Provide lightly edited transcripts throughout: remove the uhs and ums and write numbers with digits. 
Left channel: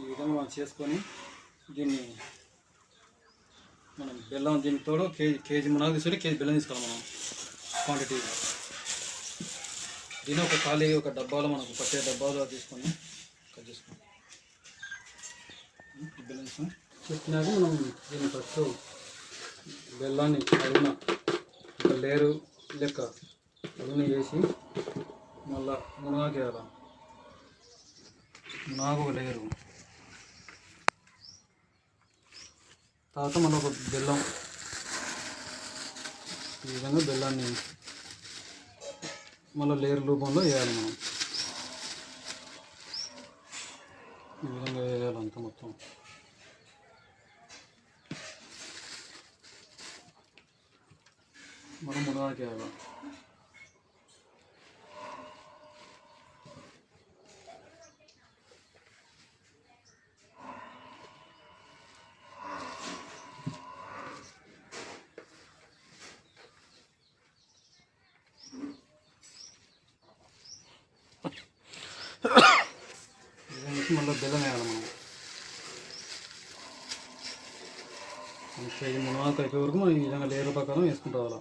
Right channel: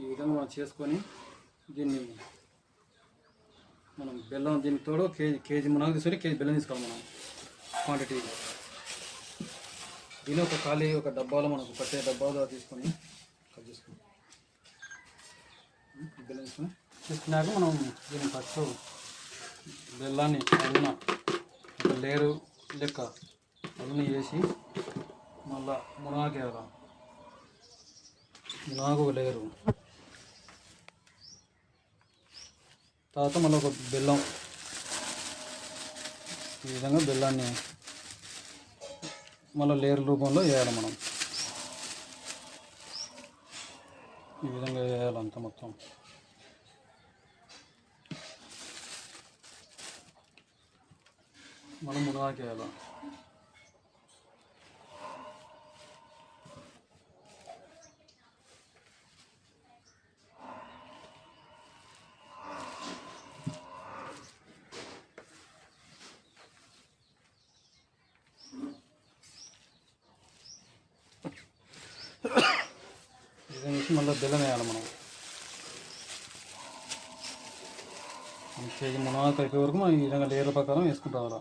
ఈ విధంగా మనం చేసుకొని దీన్ని మనం బెల్లం దీనికి తోడు కేజీ మునగ తీసుకొని కేజీ బెల్లం తీసుకోవాలి మనం క్వాంటిటీ. దీని ఒక డబ్బాలో మనకు పట్టే డబ్బాలో తీసుకొని కట్ చేసుకుంటాం. బెల్లం తీసుకున్నాక మనం దీన్ని ఫస్ట్ బెల్లాన్ని అడుగున ఒక లేరు లెక్క అడుగున వేసి మళ్ళా మునగాకు వేయాలి. మునగాకు ఒక లేరు, తర్వాత మళ్ళీ ఒక బెల్లం. ఈ విధంగా బెల్లాన్ని మళ్ళీ లేరు రూపంలో వేయాలి మనం. ఈ విధంగా వేయాలి అంతా మొత్తం. మనం మునగాకు వేయాలి. మళ్ళీ బెల్లం వేయాలి మనం. కేజీ మునగాకు అయిపోయే వరకు మనం ఈ విధంగా లేరు ప్రకారం వేసుకుంటాం. అలా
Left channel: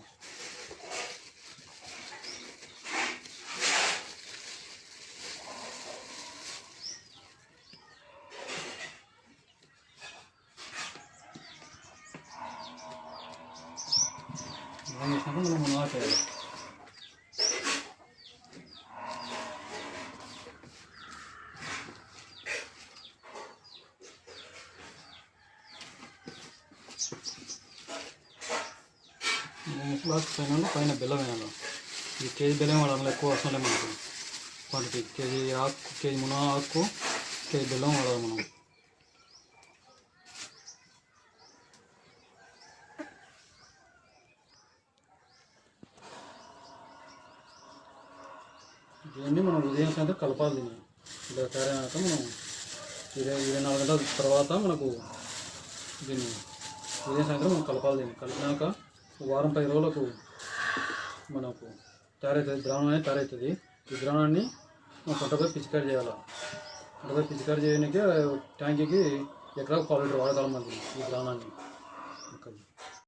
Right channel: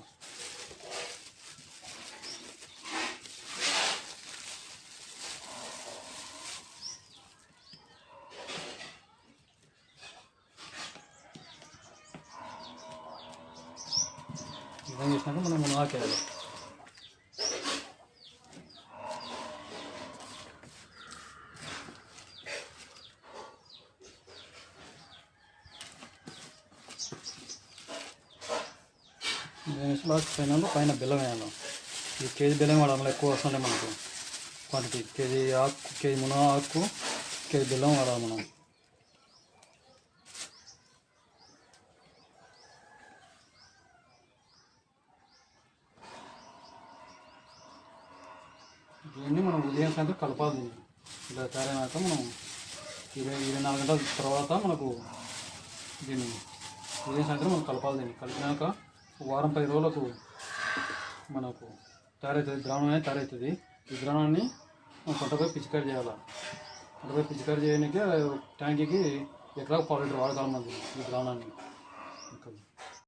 విధంగా చేసినాక మనం మునగాకు వేయాలి. లాస్ట్ పైన బెల్లం వేయాలి. ఈ కేజీ బెల్లం వాడాలి, ఎక్కువ అవసరం లేదు మనకు. క్వాంటిటీ కేజీ మునగాకు కేజీ బెల్లం వాడాలి మనం. దీన్ని మనం ఉదయం సాయంత్రం కలపాలి. ఇలా తయారైనాక మనం 24 గంటల తర్వాత మనకు దీన్ని ఉదయం సాయంత్రం మనం కలపాలి. దీన్ని కలిపినాక వారం 10 రోజులకు మనకు తయారవుతుంది, ద్రావణం అనేది తయారవుతుంది. ఈ ద్రావణాన్ని మనం పంటపై పిచికారి చేయాలి. పంటపై పిచికారి చేయడానికి ట్యాంకీకి ఎకరాకు 1/2 లీటర్ వాడగలమండి ఈ ద్రావణాన్ని.